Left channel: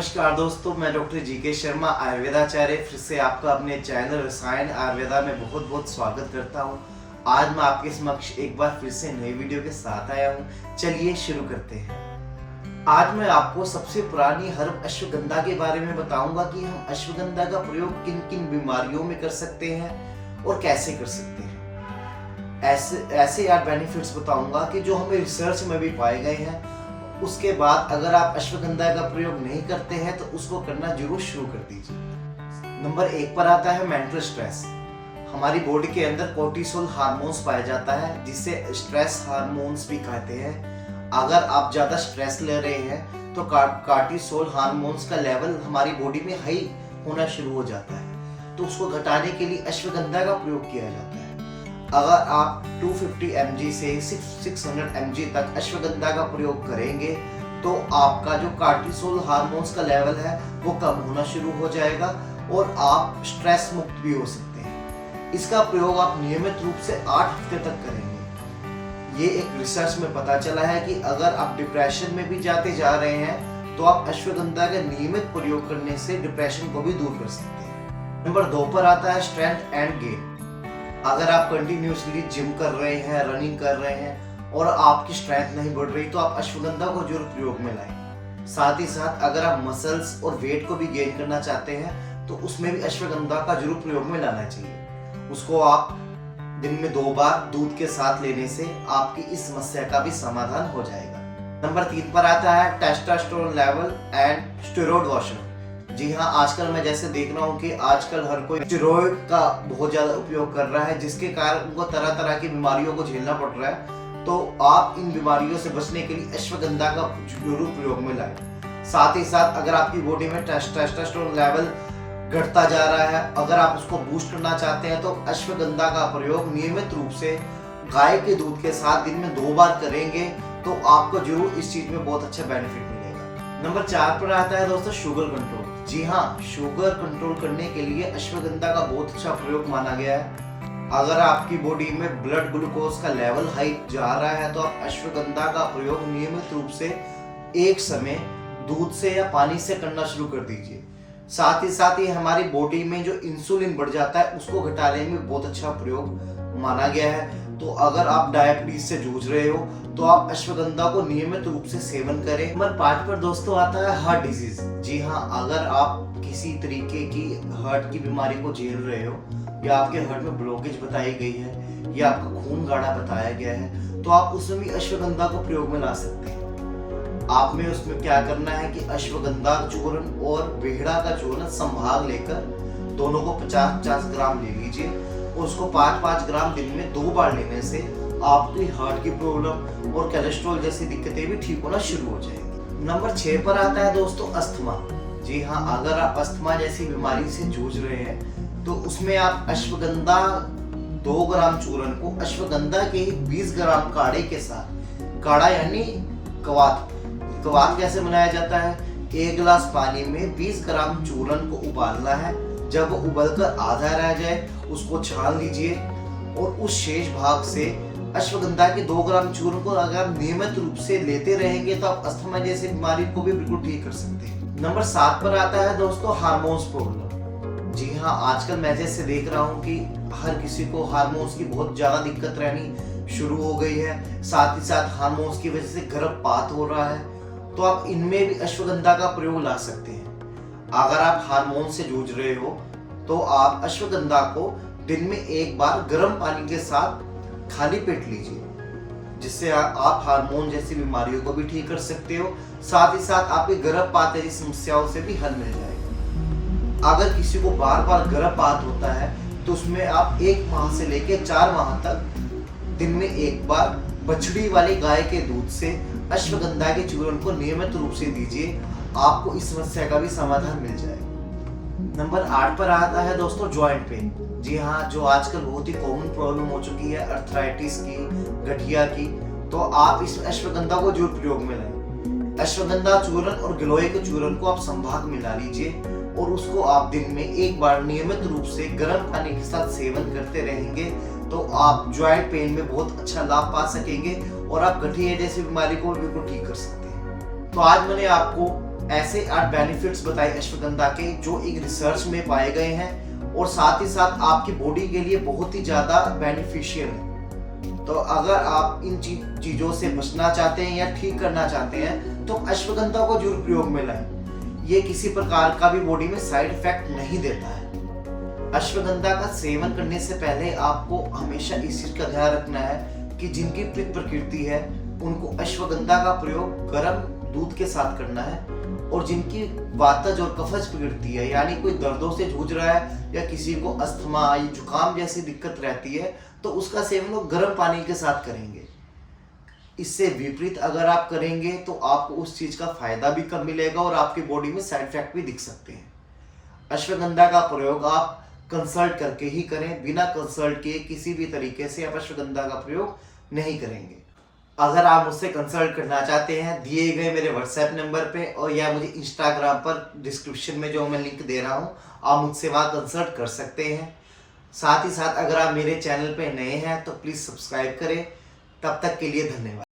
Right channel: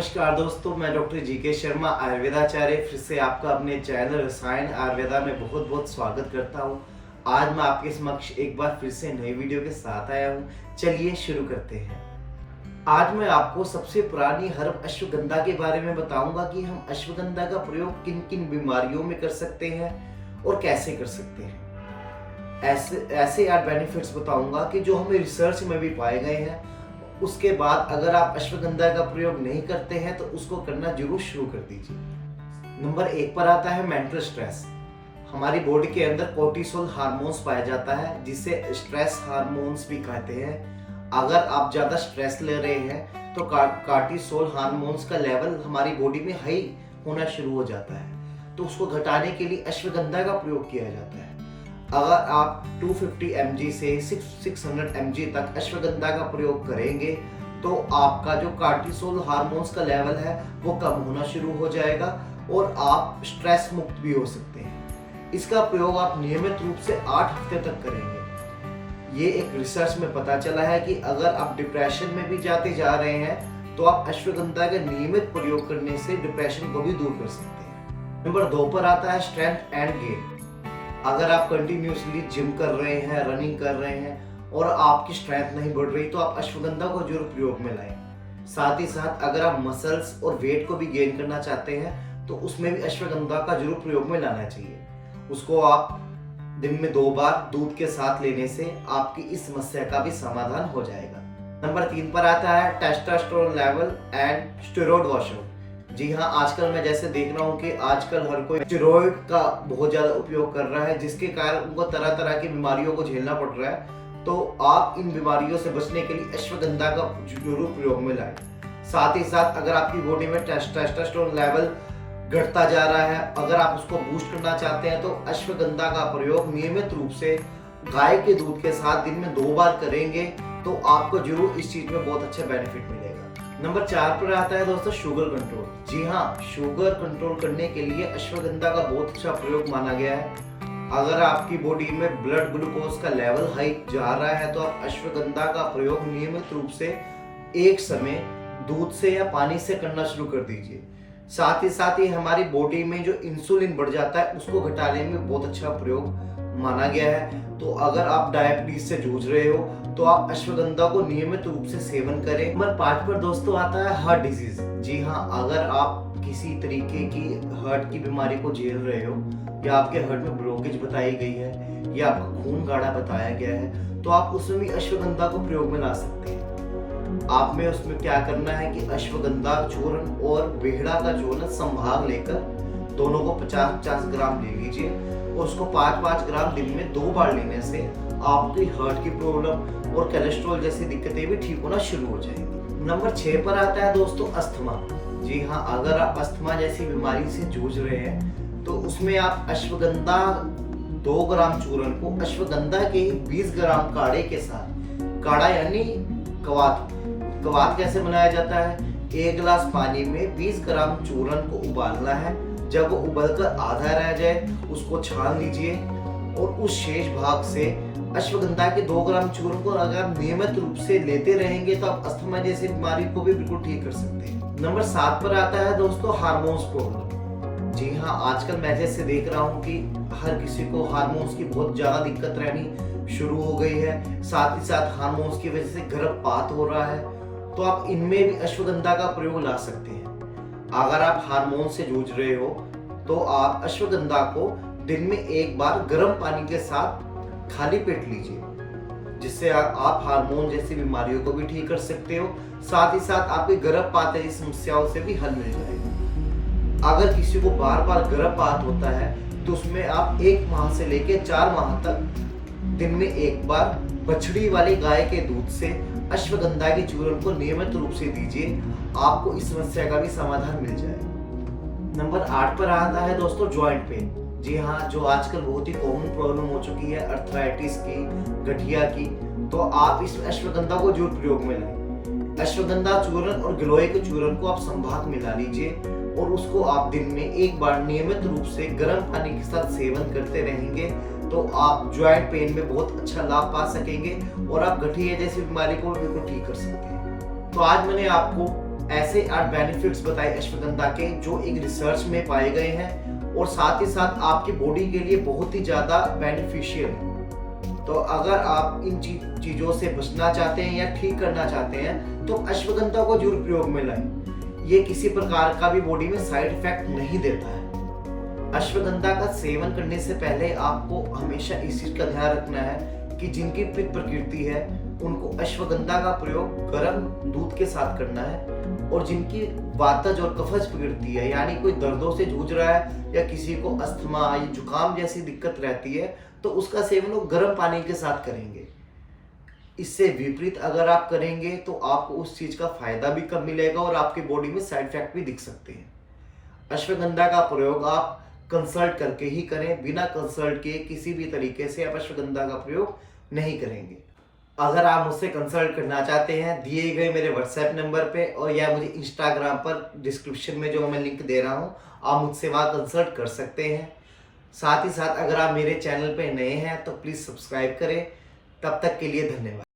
नमस्कार दोस्तों, मैं डॉक्टर जीके शर्मा आयुर्वेदाचार्य फिर से आपका अपने चैनल रसायन आयुर्वेदा में बहुत बहुत स्वागत करता हूँ। आज मैं आपके समक्ष एक बार फिर से नई वीडियो के साथ आया हूँ। चलिए शुरू करते हैं। आज मैं आपको सबसे पुरानी हर्ब अश्वगंधा के बारे में बताऊंगा कि हम अश्वगंधा का प्रयोग किन किन बीमारियों में कर सकते हैं और कैसे कर सकते हैं। ऐसे यार बेनिफिट्स बताऊंगा कि जो हमें रिसर्च में भी पाए गए हैं। उसके बाद अगर आप अश्वगंधा का प्रयोग नहीं करते हैं तो उसको करना जरूर शुरू कर दीजिए। नंबर 1 पर आता है मेंटल स्ट्रेस। हमारी बॉडी के अंदर कोर्टिसोल हार्मोन्स पाया जाता है, जिसे स्ट्रेस हार्मोन्स भी कहते हैं। अगर आप ज्यादा स्ट्रेस ले रहे हैं तो कोर्टिसोल हार्मोन्स का लेवल हमारी बॉडी में हाई होना शुरू हो जाता है, तो उसको घटाने के लिए अश्वगंधा का प्रयोग किया जाता है। अगर आप 250 mg से 600 mg तक अश्वगंधा का प्रयोग करेंगे तो आपका जो कोर्टिसोल हार्मोन्स का लेवल है वो कम होना शुरू हो जाएगा और आप स्ट्रेस मुक्त भी हो सकते हैं। इसका प्रयोग आप नियमित रूप से 8 हफ्ते तक करेंगे। ये एक रिसर्च में पता चला है कि अगर आप डिप्रेशन में भी जाते जा रहे हैं तो आप अश्वगंधा का नियमित प्रयोग करने से डिप्रेशन को भी दूर कर सकते हैं। नंबर 2 पर आता है स्ट्रेंथ एंड गेन। अगर आप कंटिन्यूसली जिम कर रहे हैं, रनिंग कर रहे हैं और आपकी स्ट्रेंथ नहीं बढ़ रही तो आप अश्वगंधा को जरूर प्रयोग में लाएं। साथ ही साथ अगर आप मसल्स और वेट को भी गेन करना चाहते हैं तो उसमें भी अश्वगंधा का जरूर प्रयोग में लाना चाहिए। उसको आप दिन में 2 बार दूध के साथ लेने से आपकी इस समस्या का भी समाधान हो जाएगा। नंबर 3 पर आता है testosterone level and steroid washer. जी हाँ, आजकल मैं जैसे देख रहा हूँ कि आजकल हर कोई स्टेरॉइड का बहुत ज्यादा उपयोग कर रहा है, जिसके कारण उनको तरह तरह की बीमारियों को झेलना पड़ रहा है। तो आप इन बीमारियों से बचने के लिए अश्वगंधा का जरूर प्रयोग में लाएं। साथ ही साथ अगर आपकी बॉडी में टेस्टोस्टेरोन लेवल घटता जा रहा है, अगर आप उसको बूस्ट करना चाहते हैं तो अश्वगंधा का प्रयोग नियमित रूप से गाय के दूध के साथ दिन में 2 बार करेंगे तो आपको जरूर इस चीज में बहुत अच्छा बेनिफिट मिलेगा। नंबर 4 पर आता है दोस्तों शुगर कंट्रोल। जी हाँ, शुगर कंट्रोल करने के लिए अश्वगंधा का बहुत अच्छा प्रयोग माना गया है। अगर आपकी बॉडी में ब्लड ग्लूकोज का लेवल हाई जा रहा है तो आप अश्वगंधा का प्रयोग नियमित रूप से एक समय दूध से या पानी से करना शुरू कर दीजिए। साथ ही हमारी बॉडी में जो इंसुलिन बढ़ जाता है उसको घटाने में बहुत अच्छा प्रयोग माना गया है। तो अगर आप डायबिटीज से जूझ रहे हो तो आप अश्वगंधा को नियमित रूप से सेवन करें। नंबर 5 पर दोस्तों आता है हार्ट डिजीज। जी हाँ, अगर आप किसी तरीके की हार्ट की बीमारी को झेल रहे हो या आपके हार्ट में ब्लॉकेज बताई गई है या आपका खून गाढ़ा बताया गया है तो आप उसमें भी अश्वगंधा को प्रयोग में ला सकते हैं। आप में उसमें क्या करना है कि अश्वगंधा चूर्ण और बेहड़ा का चूर्ण संभाग लेकर दोनों को 50-50 ग्राम ले लीजिए और उसको 5-5 ग्राम दिन में 2 बार लेने से आपकी हार्ट की प्रॉब्लम और कोलेस्ट्रॉल जैसी दिक्कतें भी ठीक होना शुरू हो जाएंगी। नंबर 6 पर आता है दोस्तों अस्थमा। जी हाँ, अगर आप अस्थमा जैसी बीमारी से जूझ रहे हैं तो उसमें आप अश्वगंधा 2 ग्राम चूर्ण को अश्वगंधा के ही 20 ग्राम काढ़े के साथ, काढ़ा यानी कवात कैसे बनाया जाता है, 1 गिलास पानी में 20 ग्राम चूर्ण को उबालना है। जब वो उबलकर आधा रह जाए उसको छान लीजिए और उस शेष भाग से अश्वगंधा के 2 ग्राम चूर्ण को अगर नियमित रूप से लेते रहेंगे तो आप अस्थमा जैसी बीमारी को भी बिल्कुल ठीक कर सकते हैं। नंबर 7 पर आता है दोस्तों हार्मोन्स प्रॉब्लम। जी हाँ, आजकल मैं जैसे देख रहा हूँ कि हर किसी को हार्मोन्स की बहुत ज्यादा दिक्कत रहनी शुरू हो गई है। साथ ही साथ हार्मोन्स की वजह से गर्भपात हो रहा है, तो आप इनमें भी अश्वगंधा का प्रयोग ला सकते हैं। अगर आप हार्मोन से जूझ रहे हो तो आप अश्वगंधा को दिन में 1 बार गर्म पानी के साथ खाली पेट लीजिए, जिससे आप हार्मोन जैसी बीमारियों को भी ठीक कर सकते हो। साथ ही साथ आपके गर्भपात जैसी समस्याओं से भी हल मिल जाएगा। अगर किसी को बार बार गर्भपात होता है तो उसमें आप 1 माह से लेकर 4 माह तक दिन में 1 बार बछड़ी वाली गाय के दूध से अश्वगंधा के चूर्ण को नियमित रूप से दीजिए, आपको इस समस्या का भी समाधान मिल जाएगा। नंबर 8 पर आता है दोस्तों जॉइंट पेन। जी हाँ, जो आजकल बहुत ही कॉमन प्रॉब्लम हो चुकी है अर्थराइटिस की, गठिया की, तो आप इस अश्वगंधा को जरूर प्रयोग में लाएं। अश्वगंधा चूर्ण और गिलोय के चूर्ण को आप संभाग मिला लीजिए और उसको आप दिन में 1 बार नियमित रूप से गर्म पानी के साथ सेवन करते रहेंगे तो आप जॉइंट पेन में बहुत अच्छा लाभ पा सकेंगे और आप गठिया जैसी बीमारी को बिल्कुल ठीक कर सकते हैं। तो आज मैंने आपको ऐसे 8 बेनिफिट्स बताए अश्वगंधा के जो एक रिसर्च में पाए गए हैं और साथ ही साथ आपकी बॉडी के लिए बहुत ही ज़्यादा बेनिफिशियल है। तो अगर आप इन चीज़ों से बचना चाहते हैं या ठीक करना चाहते हैं तो अश्वगंधा को जरूर प्रयोग में लाएं। ये किसी प्रकार का भी बॉडी में साइड इफेक्ट नहीं देता है। अश्वगंधा का सेवन करने से पहले आपको हमेशा इस चीज़ का ध्यान रखना है कि जिनकी पित्त प्रकृति है उनको अश्वगंधा का प्रयोग गर्म दूध के साथ करना है, और जिनकी वातज और कफज प्रकृति है यानी कोई दर्दों से जूझ रहा है या किसी को अस्थमा या जुकाम जैसी दिक्कत रहती है तो उसका सेवन वो गर्म पानी के साथ करेंगे। इससे विपरीत अगर आप करेंगे तो आपको उस चीज़ का फायदा भी कम मिलेगा और आपकी बॉडी में साइड इफेक्ट भी दिख सकते हैं। अश्वगंधा का प्रयोग आप कंसल्ट करके ही करें, बिना कंसल्ट किए किसी भी तरीके से आप अश्वगंधा का प्रयोग नहीं करेंगे। अगर आप मुझसे कंसल्ट करना चाहते हैं दिए गए मेरे व्हाट्सएप नंबर पे और या मुझे इंस्टाग्राम पर डिस्क्रिप्शन में जो मैं लिंक दे रहा हूँ आप मुझसे वहाँ कंसल्ट कर सकते हैं। साथ ही साथ अगर आप मेरे चैनल पे नए हैं तो प्लीज़ सब्सक्राइब करें। तब तक के लिए धन्यवाद।